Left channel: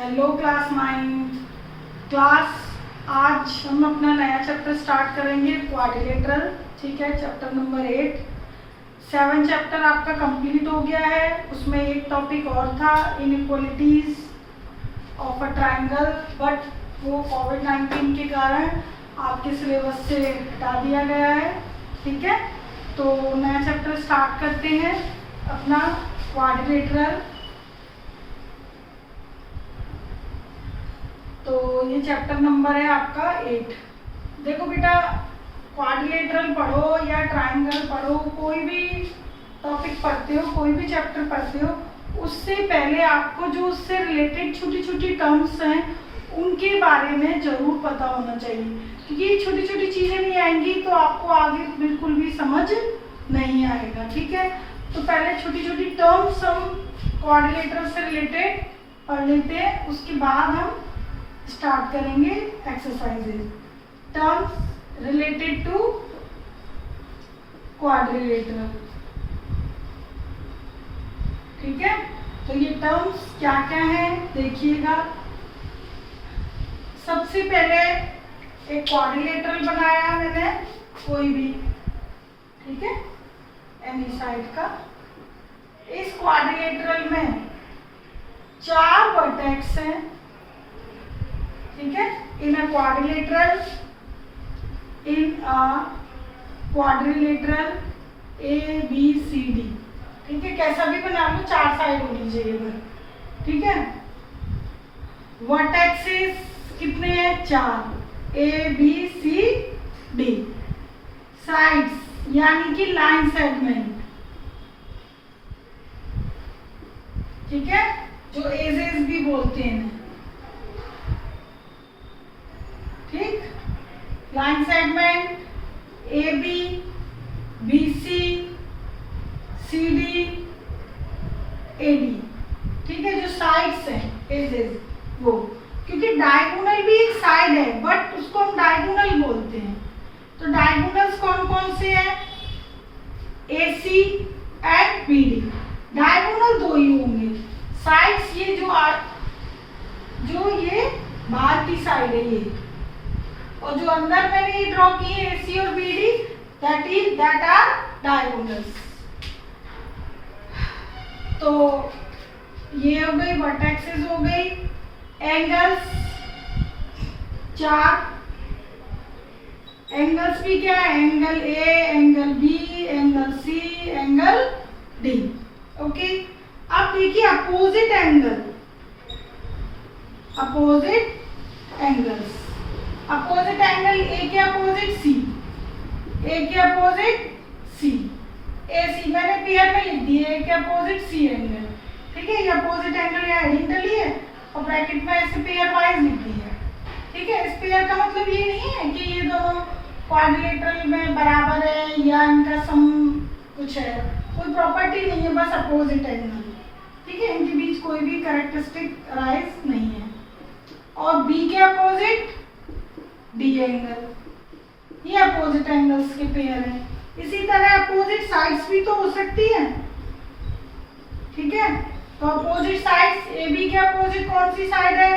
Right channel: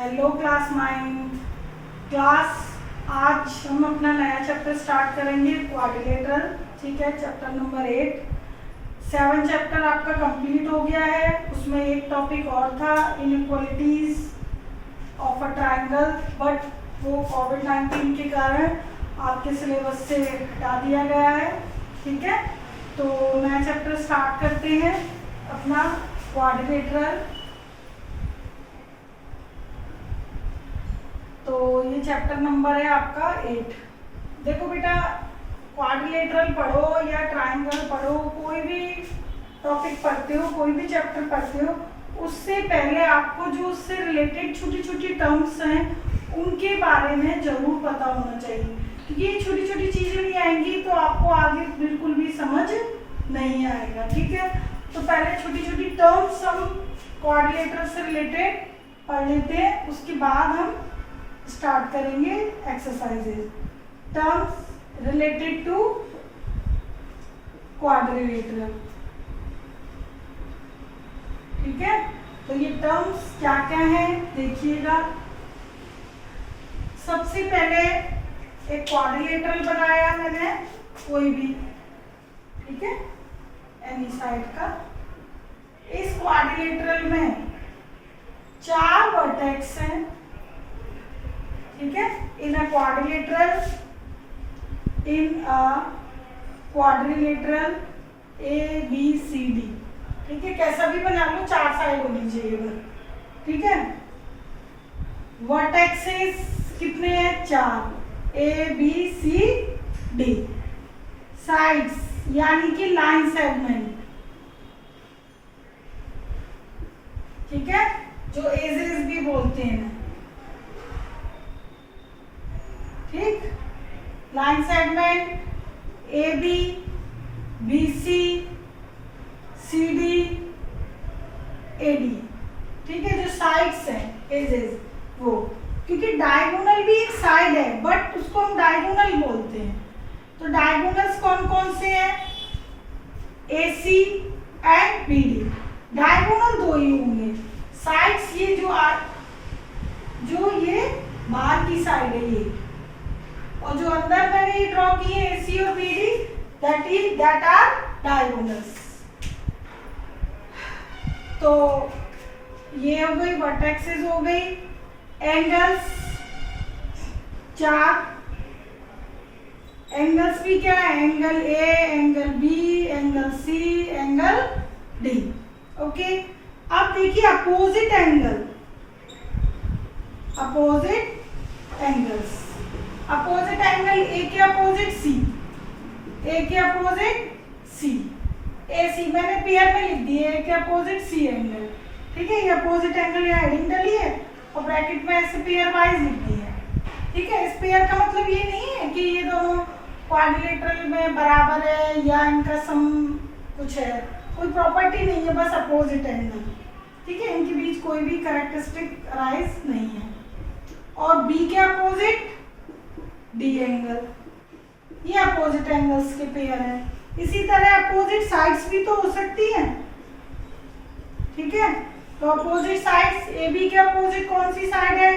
Hello class 9 class. आज हम अपना नया चैप्टर स्टार्ट करेंगे क्वाड्रिलेटरल। ठीक है, चैप्टर नंबर 8। 7 चैप्टर आपका कंप्लीट हो गया है। उसमें एक टॉपिक और था, inequalities of a triangle, but वो कोविड-19 के कारण आपके सिलेबस से हटा दिया गया है। ठीक है, तो नया चैप्टर स्टार्ट करते हैं अपना क्वाड्रिलेटरल। तो ये चैप्टर नंबर है आपका 8। देखो बेटा, क्वाड्रिलेटरल पढ़ो या ट्रायंगल पढ़ो, कोई भी टॉपिक पढ़ते हो, कोई भी चैप्टर पढ़ते हो, उससे पहले आपको जो उससे रिलेटेड छोटी छोटी टर्म्स हैं उनके बारे में जरूर पता होना चाहिए, क्योंकि ये छोटी छोटी चीज़ें नहीं आएंगी तो आपको आगे बिल्कुल भी समझ नहीं आएगा। ठीक है, तो पहले छोटी छोटी टर्म्स हम क्वाड्रिलेटरल से रिलेटेड पढ़ लेते हैं, उसके बाद हम स्टार्ट करेंगे exercises. Terms related to quadrilateral. ठीक है, तो ये टर्म्स क्या क्या है देखिएगा। सबसे पहले एक क्वाड्रिलेटरल बनाया मैंने, कोई भी, ठीक है, एनी साइड का। इस क्वाड्रिलेटरल में 4 वर्टेक्स हैं। ठीक है, इन अ क्वाड्रिलेटरल ABCD। ठीक है, कैसा भी बना लो, 4 साइड होनी चाहिए। ठीक है, वर्टेक्सेस कितने हैं? 4, ABCD। साइड्स यानी कि लाइन सेगमेंट, ठीक है, जो एजेस भी बोलते हैं। ठीक, line segment AB, BC, CD, AD। ठीक है, जो साइड्स हैं एजेस वो, क्योंकि डायगोनल भी एक साइड है बट उसको हम डायगोनल बोलते हैं। तो डायगोनल्स कौन कौन से हैं? AC and BD। डायगोनल 2 ही होंगे। साइड्स ये जो ये बाहर की साइड है ये, और जो अंदर मैंने ये ड्रॉ की है AC और BD, दैट आर डायगोनल्स। तो ये हो गई वर्टेक्सेस, हो गई एंगल्स। 4 एंगल्स भी क्या है? Angle A, angle B, angle C, angle D। Okay, अब देखिए opposite angle, opposite angles. Opposite angle A के अपोजिट C, A के अपोजिट C, AC मैंने पेयर में लिख दिए, A के अपोजिट C एंगल। ठीक है, ये अपोजिट एंगल यहाँ हेडिंग डली है और ब्रैकेट में ऐसे पेयर वाइज लिख दी है। ठीक है, इस पेयर का मतलब ये नहीं है कि ये दोनों क्वाड्रिलेटरल में बराबर है या इनका सम कुछ है, कोई प्रॉपर्टी नहीं है, बस अपोजिट एंगल। ठीक है, इनके बीच कोई भी कैरेक्टरिस्टिक राइज नहीं है। और B के अपोजिट D एंगल, ये अपोजिट एंगल्स के पेयर हैं। इसी तरह अपोजिट साइड्स भी तो हो सकती हैं। ठीक है, तो अपोजिट साइड्स, AB के अपोजिट कौन सी साइड है?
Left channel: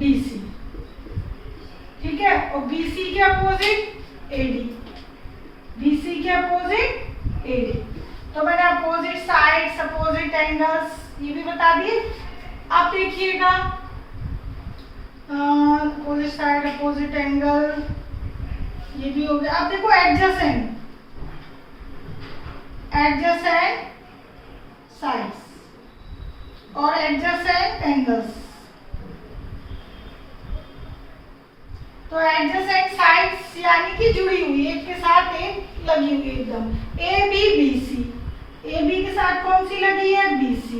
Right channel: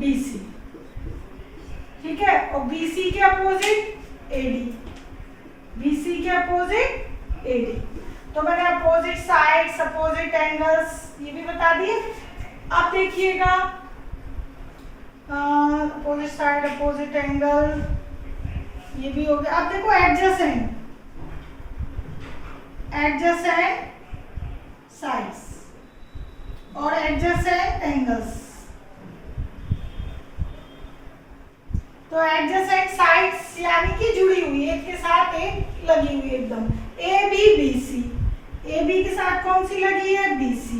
BC। ठीक है, और BC के अपोजिट AD, BC के अपोजिट AD। तो मैंने अपोजिट साइड्स, अपोजिट एंगल्स ये भी बता दिए। आप देखिएगा अपोजिट साइड, अपोजिट एंगल ये भी हो गया। अब देखो एडजेसेंट, एडजेसेंट साइड्स और एडजेसेंट एंगल्स। तो एडजेसेंट साइड्स यानी कि जुड़ी हुई, एक के साथ एक लगी हुई एकदम। AB, BC, AB के साथ कौन सी लगी है? BC।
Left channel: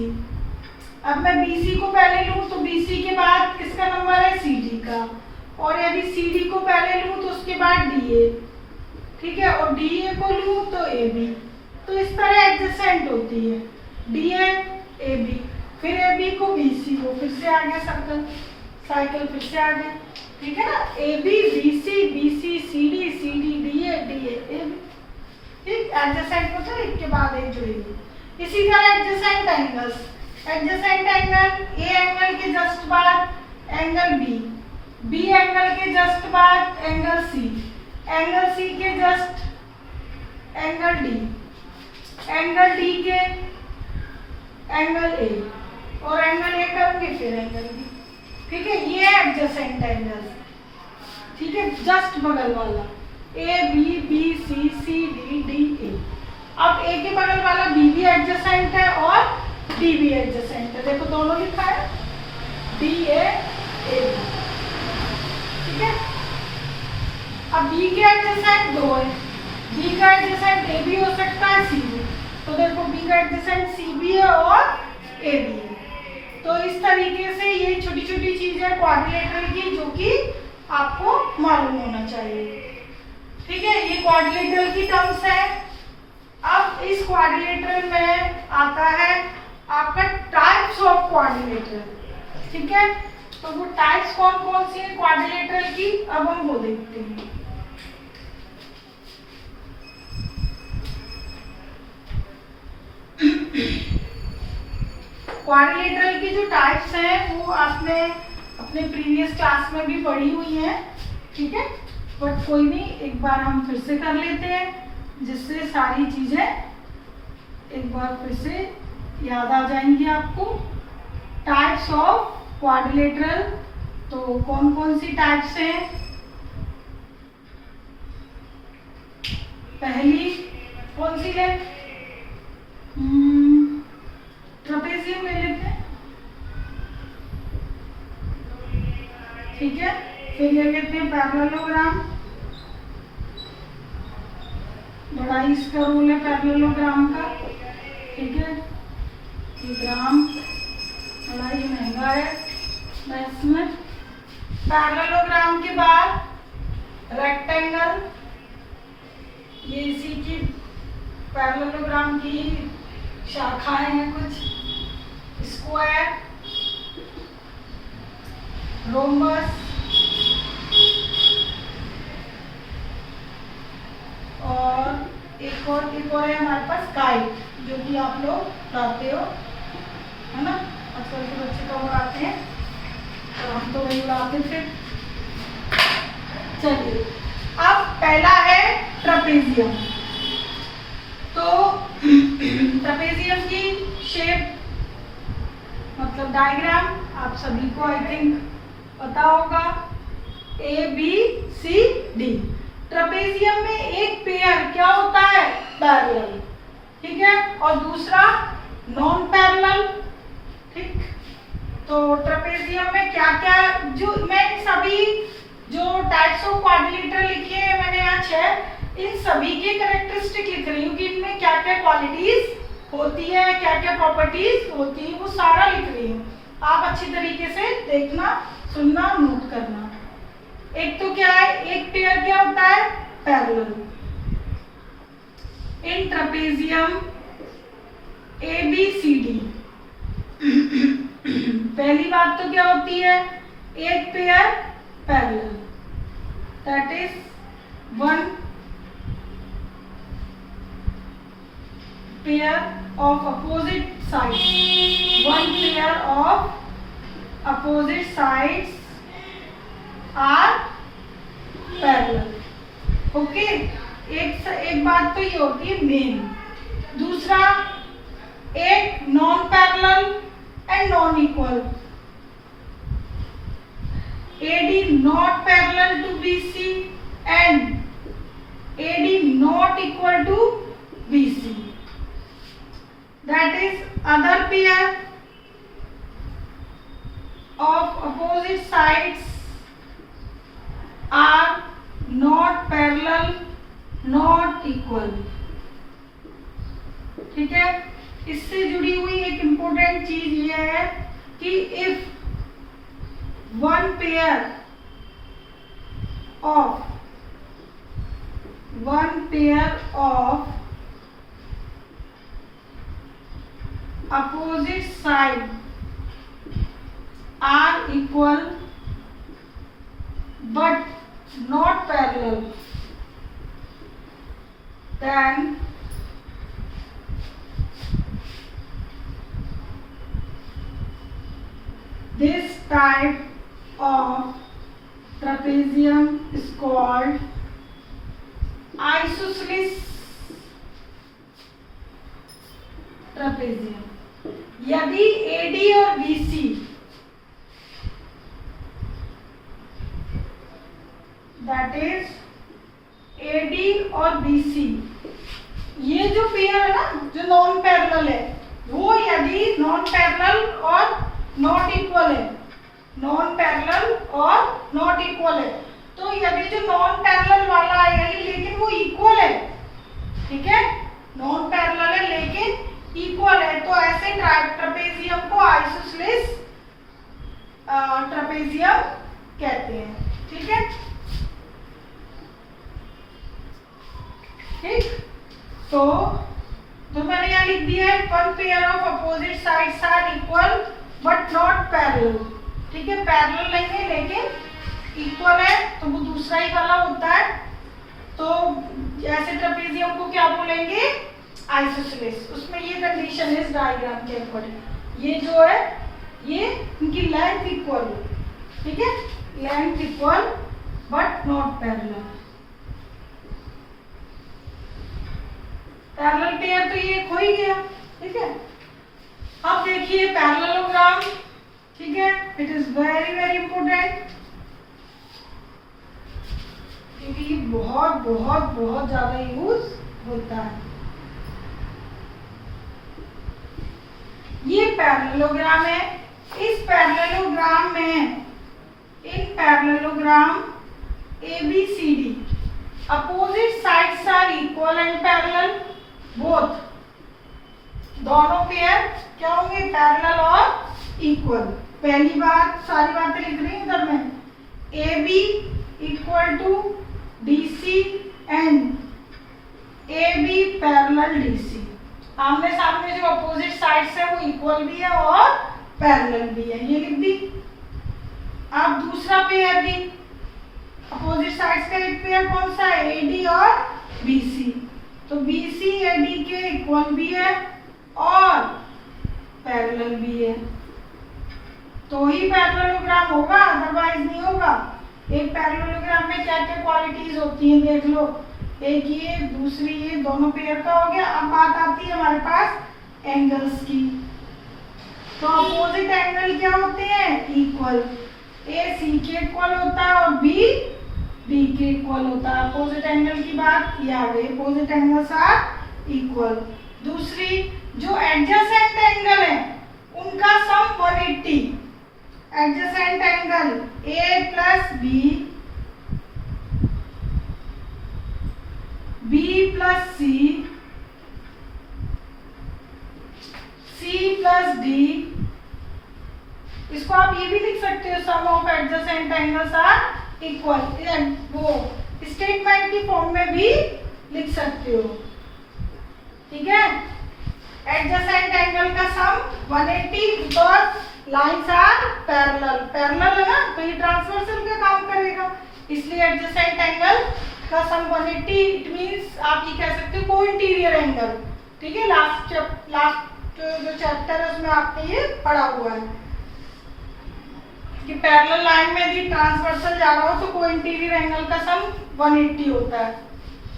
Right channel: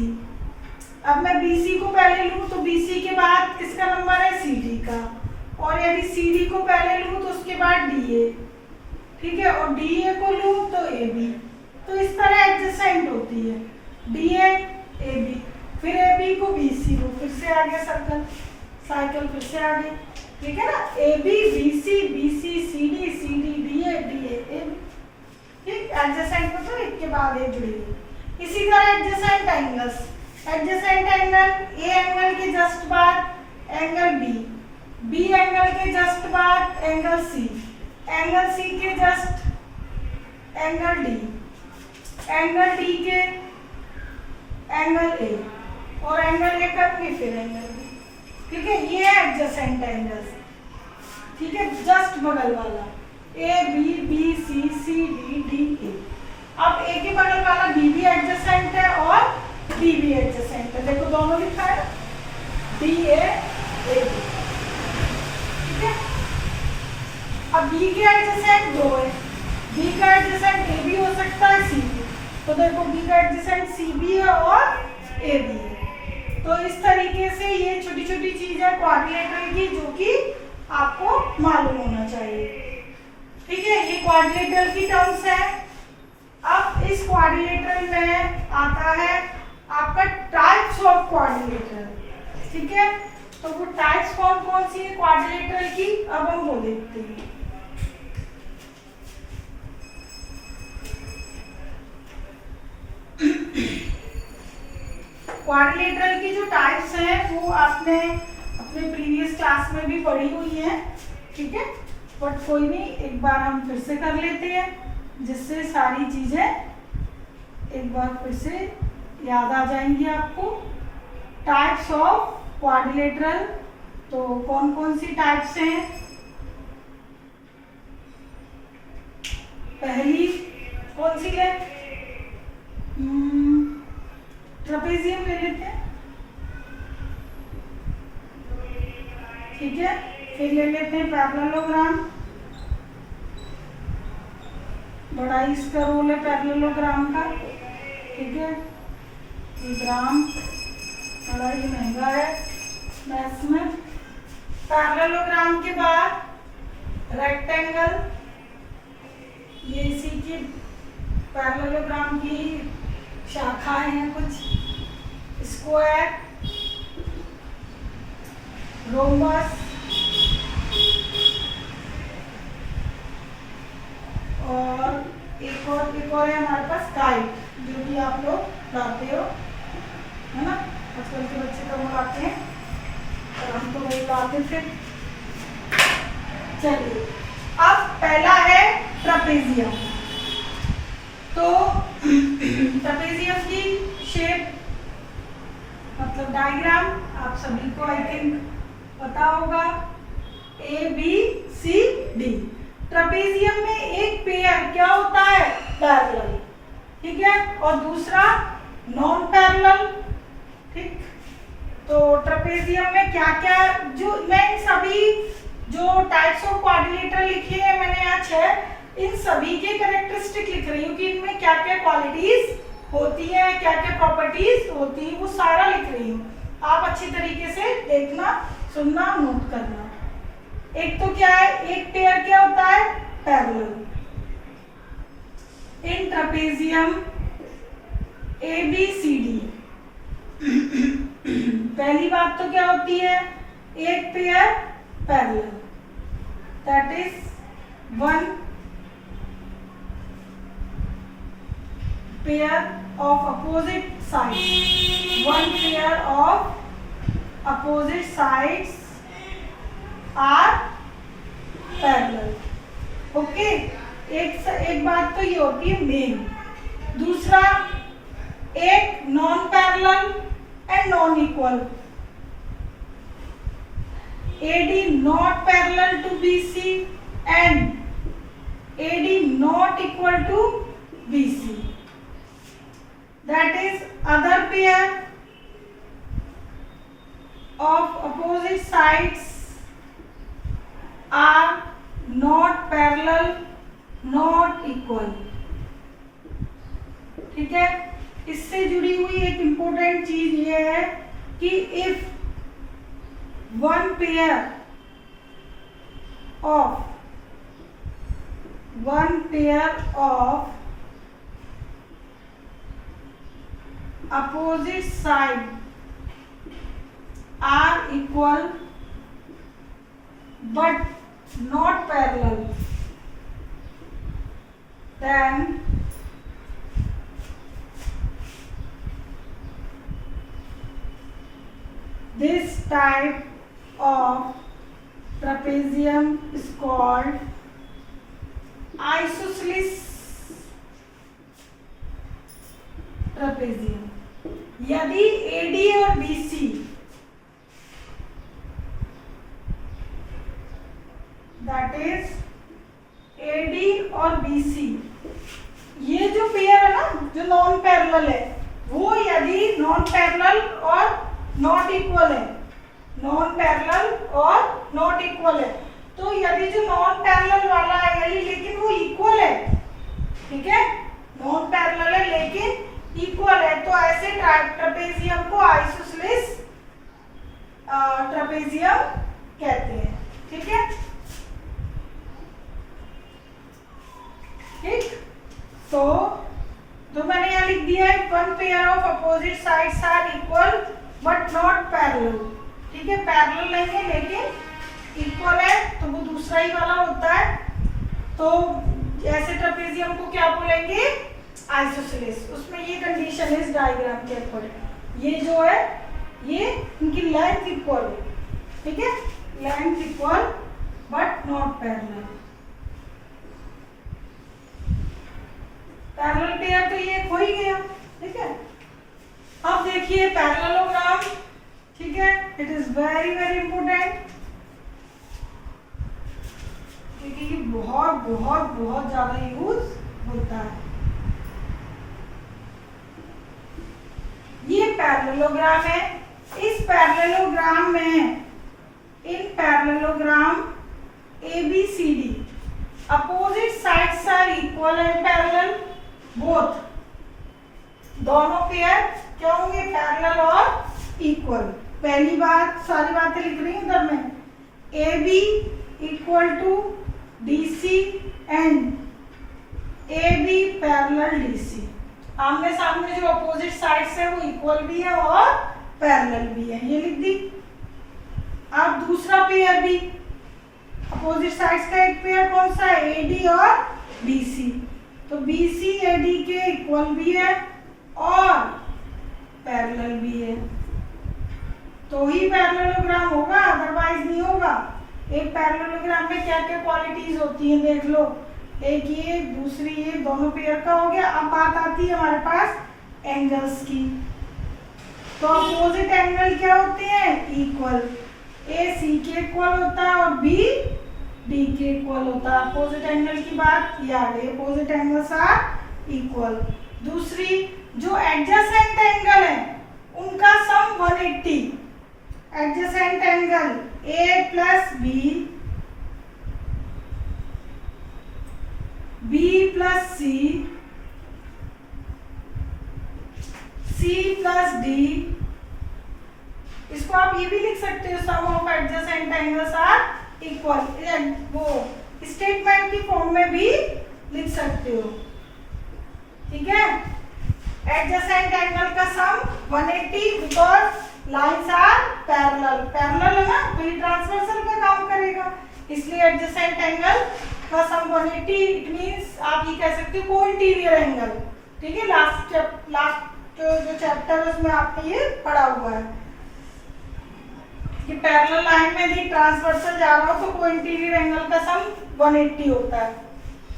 अब मैं BC को पहले लूं तो BC के बाद किसका नंबर है? CD का। और यदि CD को पहले लूं तो उसके बाद DA। ठीक है, और DA को लूं तो AB। तो इस तरह एडजेसेंट होती है, DA AB, फिर AB को BC को, फिर से आगे साइकिल फिर से आगे। ठीक है ना, AB BC BC CD CD DA DA AB। ठीक, एडजेसेंट मतलब एक के बाद एक जुड़ी हुई। इसी तरह adjacent angles, adjacent angle A angle के जस्ट बाद एंगल बी, बी एंगल के जस्ट बाद एंगल सी के जस्ट एंगल डी के एंगल ए, और एंगल ए करेंगे फिर एंगल बी। ठीक है, ये एडजेसेंट एंगल्स। ठीक है, जस्ट बगल वाला ए बी सी डी ए। अब ए के बगल वाला बी भी एडजेसेंट है और डी भी एडजेसेंट है। देखो दोनों लिखा है डी ए बी। ठीक है, अब बी के एडजेसेंट दो है, बी का एडजेसेंट ए भी हो सकता है सी भी। तो देखो बी का एडजेसेंट सी भी है और ए भी है। तो इस तरीके से ये छोटी छोटी चीज है क्वाड्रिलेटरल की जो कि आपको मालूम होना चाहिए। ठीक है, ये क्वाड्रिलेटरल की टर्म्स है। अब इस क्वाड्रिलेटरल में आता है आपका टाइप्स ऑफ क्वाड्रिलेटरल। ठीक है, तो वो टाइप्स कौन कौन सी है क्वाड्रिलेटरल की, अब हम वो देखते हैं। क्वाड्रिलेटरल की जो टाइप्स हैं वो आपने अपने प्रीवियस क्लास में भी पढ़ी हुई हैं। ठीक है, बट कोई नहीं, एक बार हम फिर से कर लेते हैं जिससे सारी चीजें एक बार फिर से याद आ जाएंगी आपको। टाइप्स ऑफ क्वाड्रिलेटरल, तो कौन कौन सी टाइप्स हैं? पहली कौन सी है? ट्रेपेजियम ले लेते हैं। ठीक है, फिर ले लेते हैं पैरेललोग्राम। बड़ा इसका रोल है पैरेललोग्राम का। ठीक है, ग्राम बड़ा ही महंगा है मैथ्स में। पैरेललोग्राम के बाद रेक्टेंगल, ये इसी की पैरेललोग्राम की शाखाएं हैं कुछ। स्क्वायर, रोम्बस और एक और है हमारे पास काइट, जो कि आप लोग उड़ाते हो, है ना। आजकल के बच्चे तो उड़ाते हैं और हम तो नहीं उड़ाते थे। चलिए, अब पहला है ट्रेपेजियम। तो ट्रेपेजियम की शेप मतलब डायग्राम आप सभी को आई थिंक पता होगा, A B C D. Trapezium में एक पेयर क्या होता है? पैरेलल। ठीक है, और दूसरा नॉन पैरेलल। ठीक, तो ट्रेपेजियम में क्या क्या, जो मैं सभी जो टाइप्स ऑफ क्वाड्रिलेटरल लिखे हैं मैंने यहाँ 6, इन सभी के कैरेक्टरिस्टिक लिख रही हूँ कि इनमें क्या क्या क्वालिटीज होती है, क्या क्या प्रॉपर्टीज होती है, वो सारा लिख रही हूँ। आप अच्छी तरीके से देखना, सुनना, नोट करना। एक तो क्या है, एक पेयर क्या होता है? Parallel. In trapezium A B C D. पहली बात तो क्या होती है? एक pair parallel, that is one pair of opposite sides, one pair of opposite sides are parallel. Okay, एक बात तो ये होती है मेन। दूसरा, एक non parallel and non equal. AD not parallel to BC and AD not equal to BC. That is other pair of opposite sides are not parallel, not equal. ठीक है, इससे जुड़ी हुई एक इम्पोर्टेंट चीज ये है कि if one pair of opposite side are equal but not parallel, then type of trapezium is called isosceles trapezium. यदि AD और BC दैट इज AD और BC, ये जो पेयर है ना जो नॉन पैरेलल है, वो यदि नॉन पैरेलल और नॉट इक्वल है, नॉन पैरेलल और नॉट इक्वल है, तो यदि जो नॉन पैरेलल वाला है लेकिन वो इक्वल है, ठीक है, नॉन पैरेलल है लेकिन इक्वल है, तो ऐसे ट्रेपेजियम को आइसोसेलेस ट्रेपेजियम कहते हैं, ठीक है। ठीक, तो मैंने यहाँ लिख दिया है one pair of opposite sides are equal but not parallel, ठीक है, पैरेलल नहीं है लेकिन इक्वल है, तो वो दूसरा ही वाला होता है। तो ऐसे ट्रेपेजियम को क्या बोलेंगे, आइसोसेलेस। उसमें ये कंडीशन है इस डायग्राम के अकॉर्डिंग, ये जो है ये इनकी लेंथ इक्वल है, ठीक है, length equal but not parallel. Parallel pair तो ये खो ही गया, ठीक है। अब देखिए पैरेललोग्राम, ठीक है, it is very very important, क्योंकि ये बहुत बहुत बहुत ज्यादा यूज होता है। ये पैरेललोग्राम है, इस पैरेललोग्राम में in parallelogram ABCD opposite sides are equal and parallel both, दोनों पेयर क्या होंगे, पैरेलल और इक्वल। पहली बात, सारी बातें लिख रही हूं इधर में, AB equal to DC and AB parallel DC, आमने सामने जो अपोजिट साइड्स है वो इक्वल भी है और पैरेलल भी है, ये लिख दी। अब दूसरा पेयर भी, अपोजिट साइड्स का एक पेयर कौन सा है, AD और BC, तो BC AD के इक्वल भी है और पैरेलल भी है, तो ही पैरेललोग्राम होगा, अदरवाइज नहीं होगा। एक पैरेललोग्राम में क्या क्या क्वालिटीज होती हैं देख लो, एक ये, दूसरी ये, दोनों पेयर का हो गया। अब बात आती है हमारे पास एंगल्स की, तो अपोजिट एंगल क्या होते हैं, इक्वल, A C के इक्वल होता है और B D के इक्वल होता है। अपोजिट एंगल की बात ये आ गई, अपोजिट एंगल्स आर इक्वल। दूसरी जो एडजेसेंट एंगल है उनका sum 180, adjacent angle A plus B, B plus C, C plus D, इसको आप ये भी लिख सकते हो, sum of adjacent angles are equal, वो स्टेटमेंट की फॉर्म में भी लिख सकते हो, ठीक है। एडजेसेंट एंगल का sum 180 because lines are parallel, parallel है ना, तो ये ट्रांसवर्सल का काम करेगा, इसलिए एडजेसेंट एंगल का सम 180, इट मींस आप ये कह सकते हो को इंटीरियर एंगल, ठीक है। लास्ट जो चैप्टर है उसमें आपने ये पढ़ा हुआ है कि पैरेलल लाइन में यदि ट्रांसवर्सल जा रहा हो तो को इंटीरियर एंगल का सम 180 होता है।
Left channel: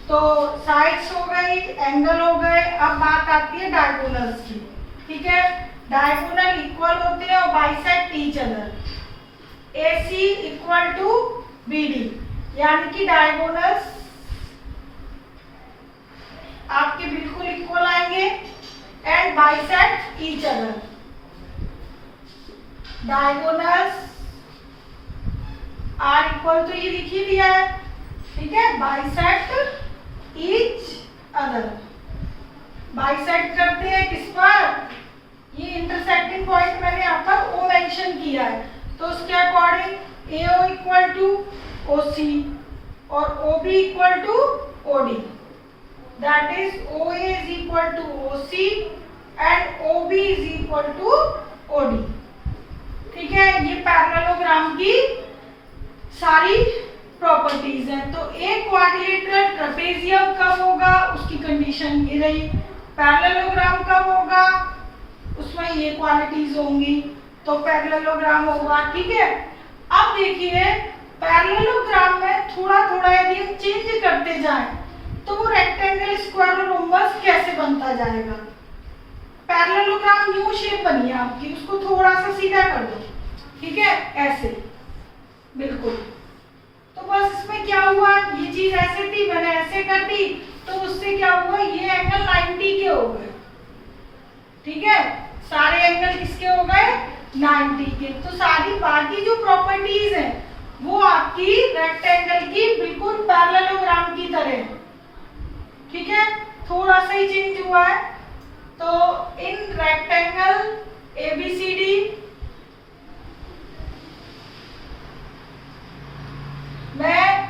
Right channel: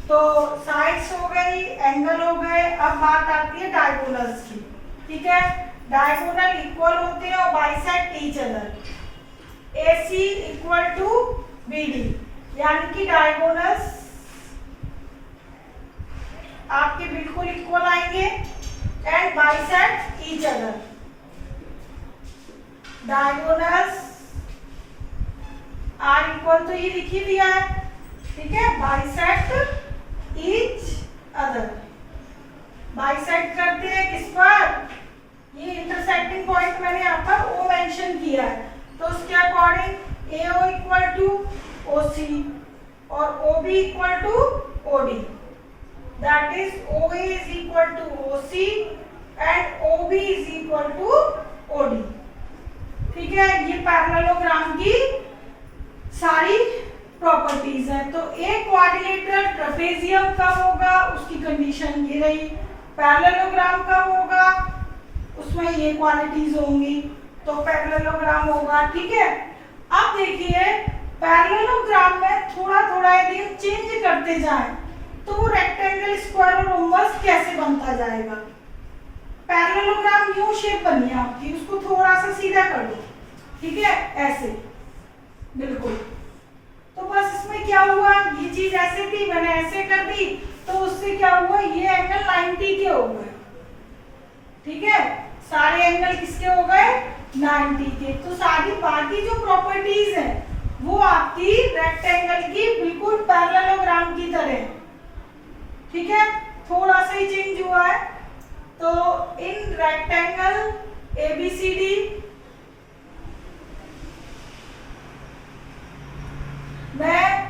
तो साइड्स हो गई, एंगल हो गए, अब बात आती है डायगोनल्स की, ठीक है। डायगोनल इक्वल होते हैं और bisect each other, AC equal to BD, यानी कि डायगोनल्स आपके बिल्कुल इक्वल आएंगे and bisect each other. Diagonals are equal तो ये लिख ही दिया है, ठीक है, बाइसेक्ट ईच अदर। बाइसेक्ट करते हैं किस पर, ये इंटरसेक्टिंग पॉइंट मैंने यहाँ पर O मेंशन किया है, तो उसके according AO equal to OC और OB equal to OD, that is OA is equal to OC and OB is equal to OD, ठीक है। ये पैरेललोग्राम की सारी प्रॉपर्टीज है। तो एक क्वाड्रिलेटरल ट्रेपेजियम कब होगा, उसकी कंडीशन ये रही। पैरेललोग्राम कब होगा, उसमें ये क्वालिटीज होंगी। तो पैरेललोग्राम होगा। ठीक है, अब देखिए पैरेललोग्राम में थोड़ा थोड़ा यदि हम चेंज करते जाएं तो वो रेक्टेंगल, स्क्वायर और रोम्बस कैसे बनता जाएगा। पैरेललोग्राम यू शेप बनी है आपकी, उसको थोड़ा सा सीधा कर दो। ठीक है, ऐसे बिल्कुल। तो बस इसमें क्या हुआ, ये चीज ऐसे थी, मैंने ऐसे कर दी, तो उससे क्या हुआ, ये एंगल 90 के हो गए। ठीक है, सारे एंगल किसके हो गए, 90 के। तो सारी बाकी जो प्रॉपर्टीज हैं वो आपकी रेक्टेंगल की बिल्कुल पैरेललोग्राम की तरह है। ठीक है, थोड़ा सा ही चेंज हुआ है। तो इन रेक्टेंगल ABCD में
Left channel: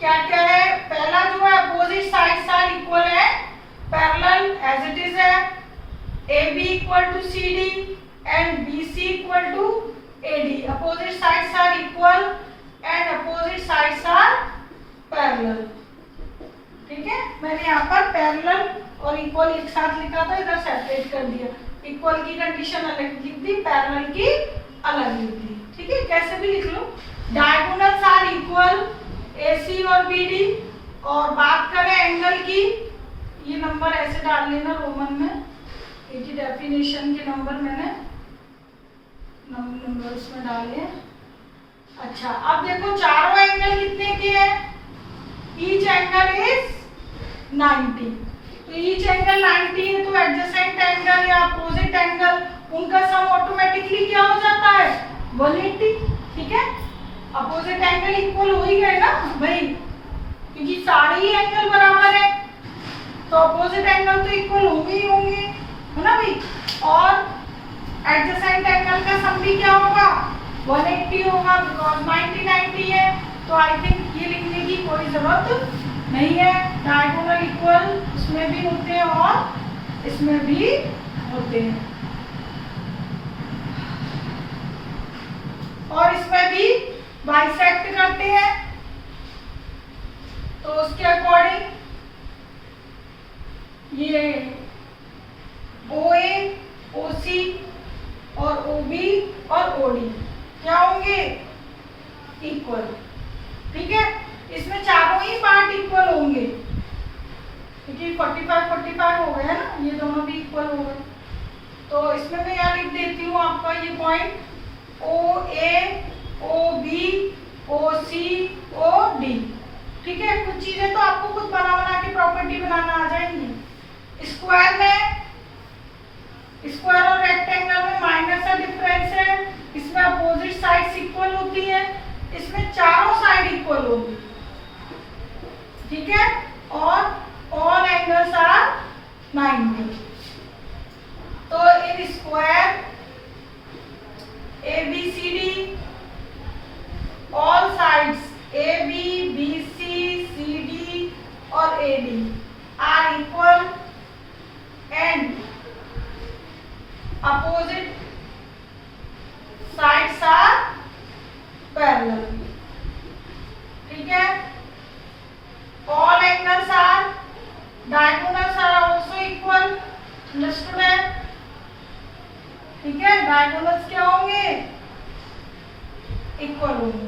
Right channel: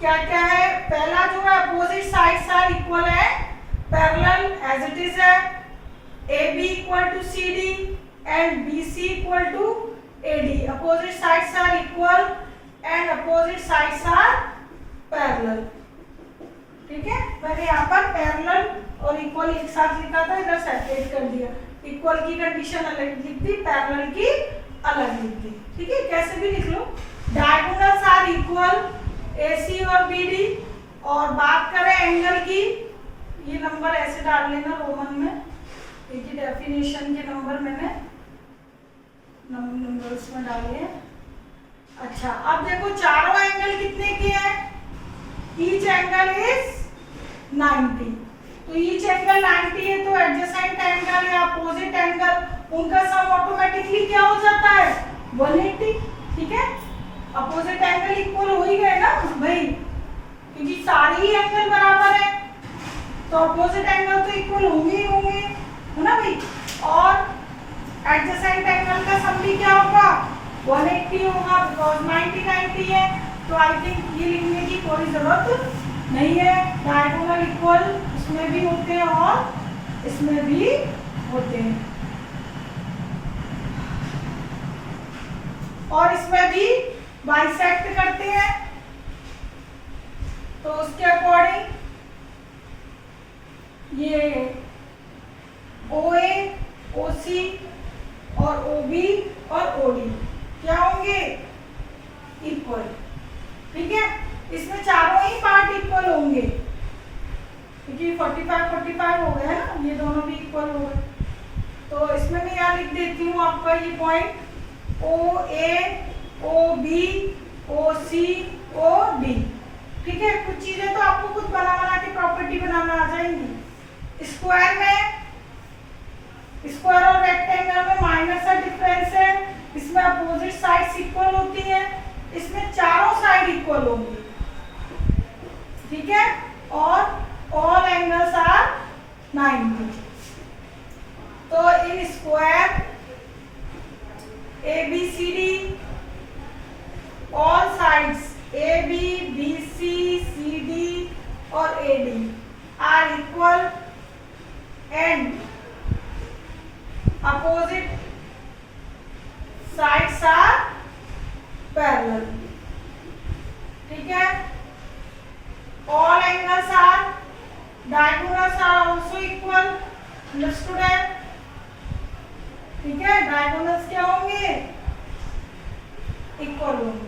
क्या क्या है, पहला जो है अपोजिट साइड्स आर इक्वल है, पैरेलल एज इट इज है, AB equal to CD and BC equal to AD। Opposite sides are equal and opposite sides are parallel. ठीक है, मैंने यहाँ पर पैरेलल और इक्वल एक साथ लिखा था, इधर सेपरेट कर दिया। इक्वल की कंडीशन अलग लिख दी, पैरेलल की अलग लिख दी। ठीक है, कैसे भी लिख लो। डायगोनल्स आर इक्वल AC और BD। और बात करें एंगल की, ये नंबर ऐसे डाल लेना रोमन में, एक ही डेफिनेशन के नंबर मैंने नंबर्स में डाले। अच्छा, अब देखो चारों एंगल कितने के हैं, ईच एंगल इज 90। तो ईच एंगल 90 है, तो एडजेसेंट एंगल या अपोजिट एंगल उनका सम ऑटोमेटिकली क्या हो जाता है, 180। ठीक है, अपोजिट एंगल इक्वल हो ही गए ना भाई, क्योंकि सारे ही एंगल बराबर है, तो अपोजिट एंगल तो इक्वल होंगे ही होंगे, है ना भाई। और एडजेसेंट एंगल का सम भी क्या होगा, 180 होगा, बिकॉज 90 90 है। तो आई थिंक ये लिखने की कोई जरूरत नहीं है। डायगोनल इक्वल इसमें भी होते हैं और इसमें भी होते हैं, और इसमें भी बाइसेक्ट करते हैं। तो उसके अकॉर्डिंग ये OA, OC और OB और OD क्या होंगे, इक्वल। ठीक है, इसमें चारों ही पार्ट इक्वल होंगे, क्योंकि 45 हो गया ना, ये दोनों भी इक्वल हो गए। तो इसमें मैं यहाँ लिख देती हूँ आपका ये point, OA, OB, OC, OD। ठीक है, कुछ चीजें तो आपको खुद बना के प्रॉपर्टी बनाना आ जाएंगी। स्क्वायर में, स्क्वायर और रेक्टेंगल में माइनर सा डिफरेंस है, इसमें अपोजिट साइड्स इक्वल होती है, इसमें चारों साइड इक्वल होंगी। ठीक है, और ऑल एंगल्स आर 90। तो in square ABCD all sides AB, BC, CD और AD are equal and opposite sides are parallel. ठीक है, all angles are, diagonals are also equal. Understood है? ठीक है, diagonals क्या होंगे, इक्वल होंगे।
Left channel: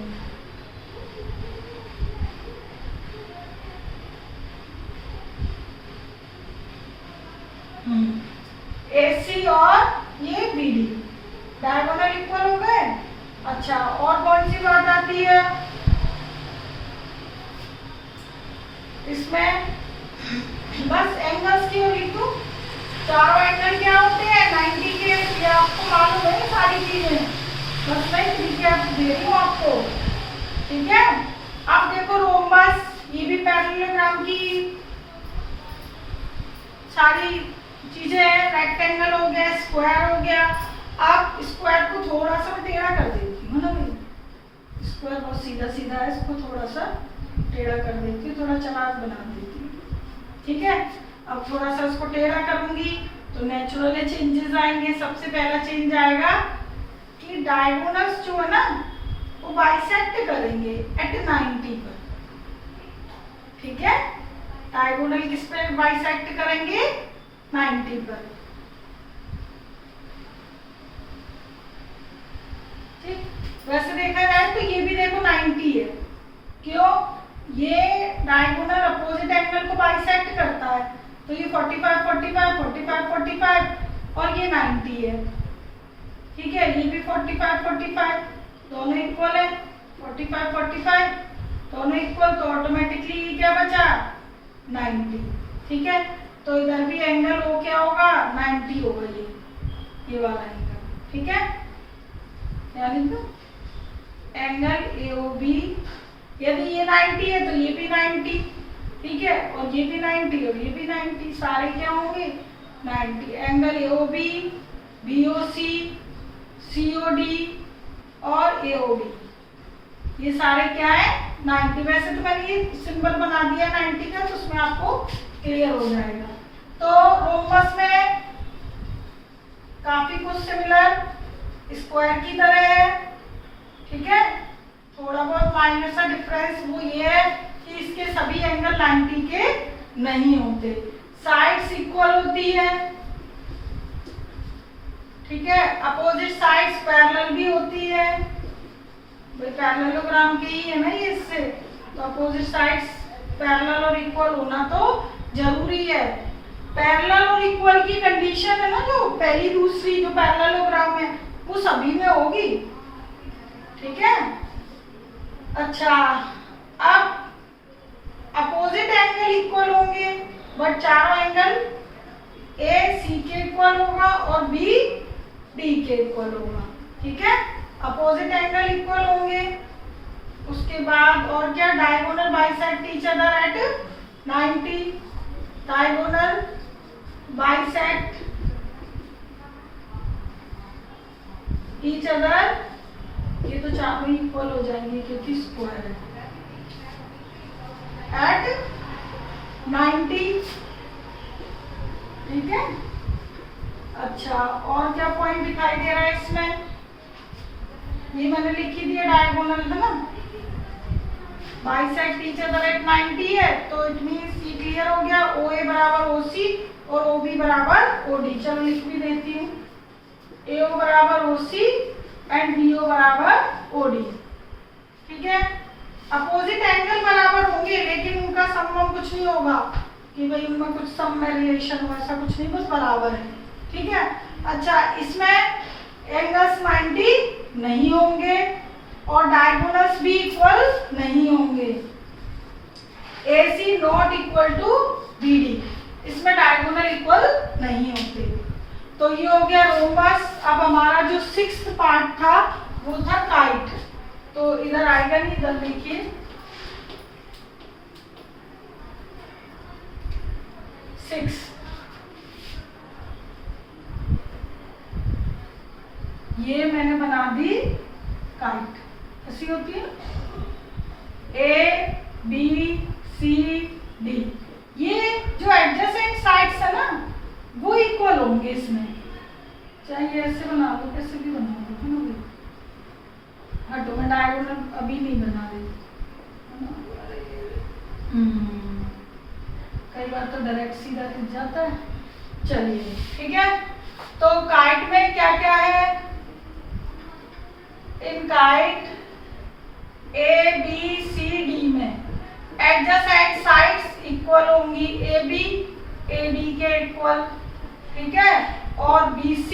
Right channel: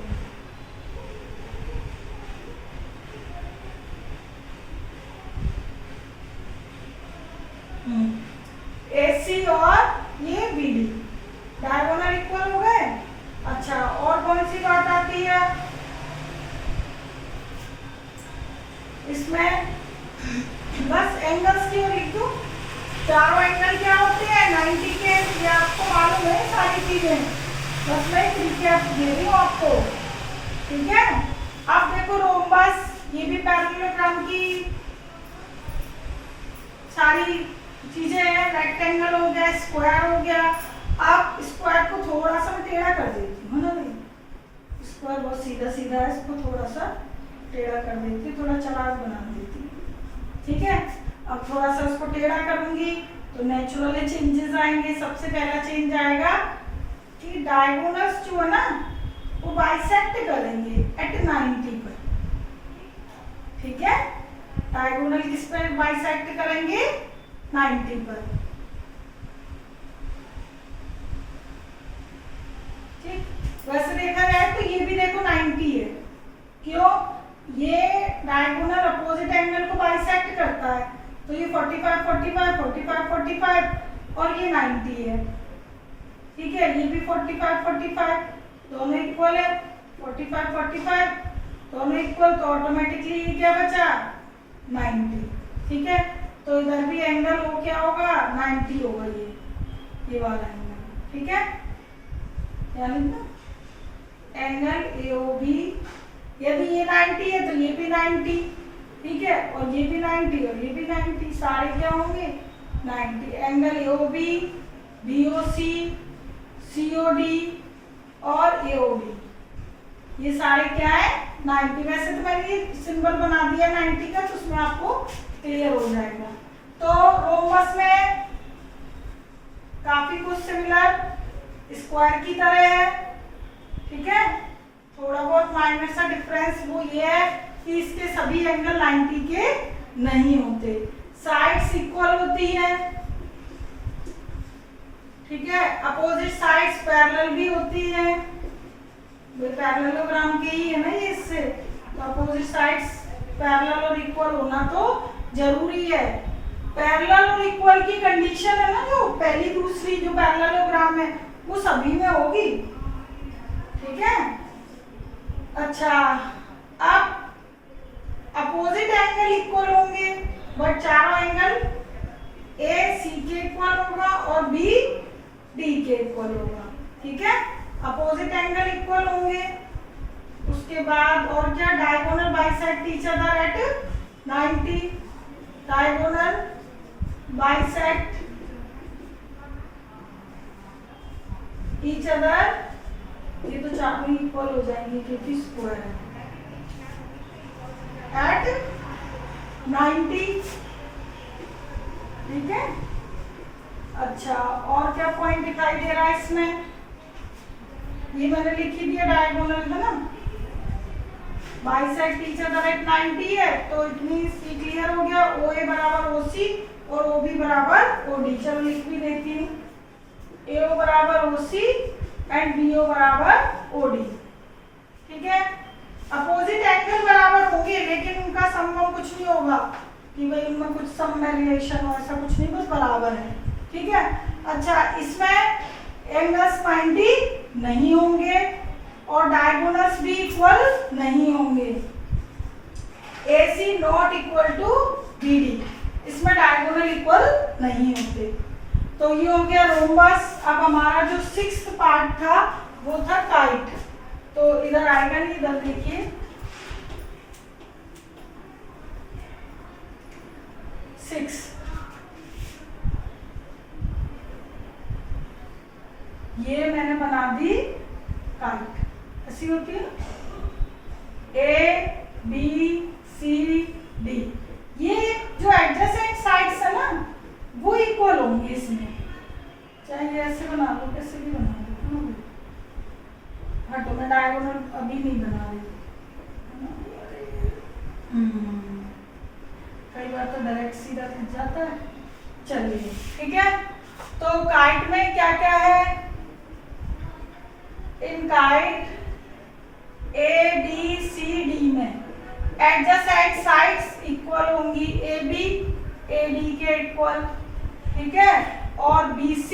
AC और ये BD डायगोनल इक्वल हो गए। अच्छा, और कौन सी बात आती है इसमें, बस एंगल्स के लिख दो। चारों एंगल क्या होते हैं, 90 के, ये आपको मालूम है सारी चीजें, बस मैं रिकैप दे रही हूँ आपको। ठीक है, अब देखो रोम्बस, ये भी पैरेललोग्राम की सारी चीजें हैं। रेक्टेंगल हो गया, स्क्वायर हो गया। आप स्क्वायर को थोड़ा सा टेढ़ा कर देती हूँ ना, स्क्वायर बहुत सीधा सीधा है, इसको थोड़ा सा टेढ़ा कर देती हूँ, थोड़ा चौड़ा बना देती हूँ। ठीक है, अब थोड़ा सा उसको टेढ़ा करूंगी तो नेचुरली चेंजेस आएंगे। सबसे पहला चेंज आएगा कि डायगोनल्स जो है ना वो बाइसेक्ट करेंगे एट 90 पर। ठीक है, डायगोनल किस पे बाइसेक्ट करेंगे, 90 पर। तो ये 45 45 45 45 और ये 90 है, ठीक है। ये भी 45 45 दोनों इक्वल है, 45 45 दोनों इक्वल, तो ऑटोमेटिकली ये क्या बचा 90, ठीक है। तो इधर भी एंगल ओ क्या होगा 90 होगा, ये वाला एंगल, ठीक है। क्या लिखा एंगल AOB, यदि ये 90 है तो ये भी 90, ठीक है, और ये भी 90 और ये भी 90, सारे क्या होंगे 90। एंगल AOB, BOC, COD और AOD ये सारे क्या है 90। वैसे तो मैंने ये सिंबल बना दिया 90 का, तो उसमें आपको क्लियर हो जाएगा। तो रोम्बस में काफी कुछ सिमिलर स्क्वायर की तरह है, ठीक है। थोड़ा बहुत माइनर सा डिफरेंस वो ये है कि इसके सभी एंगल 90 के नहीं होते, साइड्स इक्वल होती है, ठीक है। अपोजिट साइड्स पैरेलल भी होती है, पैरेललोग्राम की ही है ना ये, इससे तो अपोजिट साइड्स पैरेलल और इक्वल होना तो जरूरी है। पैरेलल और इक्वल की कंडीशन है ना, जो पहली दूसरी जो पैरेललोग्राम है वो सभी में होगी, ठीक है। अच्छा, अब अपोजिट एंगल इक्वल होंगे, बट चारों एंगल AC के इक्वल होगा और B D के इक्वल होगा, ठीक है। अपोजिट एंगल इक्वल होंगे, उसके बाद और क्या, diagonal bisect each other at 90, diagonal bisect each other, ये तो चारों इक्वल हो जाएंगे क्योंकि स्क्वायर है, एट 90, ठीक है। अच्छा, और क्या पॉइंट दिखाई दे रहा है इसमें, ये मैंने लिख ही दिया डायगोनल है ना, बाइसेक्ट ईच अदर एट 90 है, तो इट मींस ये क्लियर हो गया, OA बराबर OC और OB बराबर OD। चलो लिख भी देती हूँ, AO बराबर OC एंड BO बराबर OD, ठीक है। अपोजिट एंगल बराबर होंगे लेकिन उनका सम कुछ नहीं होगा कि भाई उनमें कुछ सम वेरिएशन हो, ऐसा कुछ नहीं, बस बराबर है, ठीक है। अच्छा, इसमें एंगल्स 90 नहीं होंगे और डायगोनल्स भी इक्वल नहीं होंगे, AC not equal to BD, इसमें डायगोनल इक्वल नहीं होते। तो ये हो गया रोम्बस। अब हमारा जो 6th पार्ट था वो था काइट, तो इधर आएगा नहीं, इधर लिखिए 6। ये मैंने बना दी काइट, ऐसी होती है ना, ABCD, ये जो एडजेसेंट साइड्स है ना वो इक्वल होंगे इसमें, चाहे ये ऐसे बना दो, कैसे भी बना दो, हटो मैं डायगोनल अभी नहीं बना रही, कई बार तो डायरेक्ट सीधा खिंच जाता है। चलिए, ठीक है। तो काइट में क्या क्या है, इन काइट ABCD में एडजेसेंट साइड्स इक्वल होंगी, AB AD के इक्वल, ठीक है, और BC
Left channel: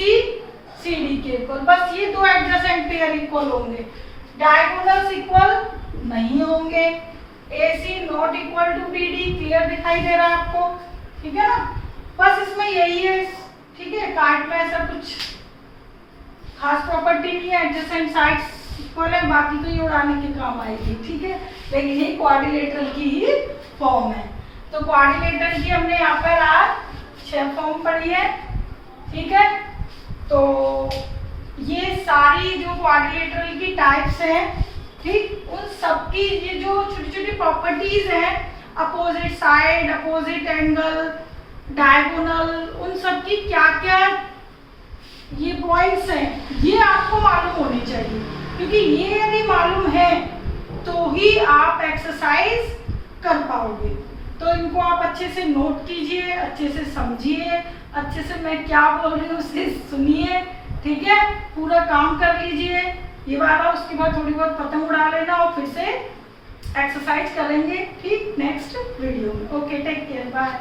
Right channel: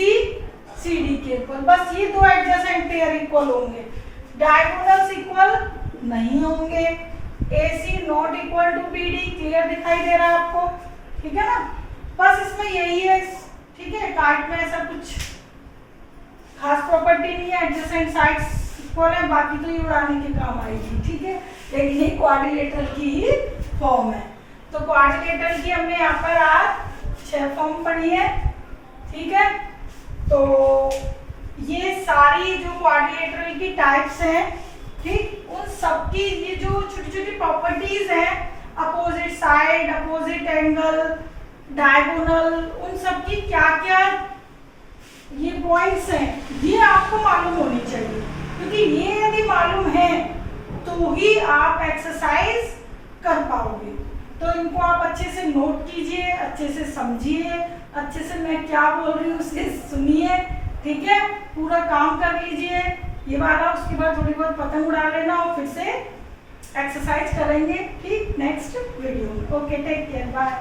CD के इक्वल, बस ये दो एडजेसेंट पेयर इक्वल होंगे। डायगोनल्स इक्वल नहीं होंगे, AC not equal to BD, clear दिखाई दे रहा है आपको, ठीक है ना। बस इसमें यही है, ठीक है। काइट में ऐसा कुछ खास प्रॉपर्टी नहीं है, एडजेसेंट साइड्स इक्वल है, बाकी तो ये उड़ाने के काम आएगी, ठीक है। लेकिन ये क्वाड्रिलेटरल की ही फॉर्म है, तो क्वाड्रिलेटरल की हमने यहाँ पर आज 6 फॉर्म पढ़ी है, ठीक है। तो ये सारी जो क्वाड्रिलेटरल की टाइप्स हैं, ठीक, उन सबकी ये जो छोटी छोटी प्रॉपर्टीज हैं, opposite side, opposite angle, diagonal, उन सब की क्या क्या ये पॉइंट्स हैं, ये आपको मालूम होनी चाहिए, क्योंकि ये यदि मालूम है तो ही आप एक्सरसाइज कर पाओगे। तो इनको आप अच्छे से नोट कीजिए, अच्छे से समझिए, अच्छे से मैं क्या बोल रही हूँ उसे सुनिए, ठीक है। पूरा काम कर लीजिए ये वाला, उसके बाद थोड़ी बहुत पतंग उड़ा लेना और फिर से एक्सरसाइज करेंगे, ठीक, नेक्स्ट वीडियो में। Okay, take care, bye.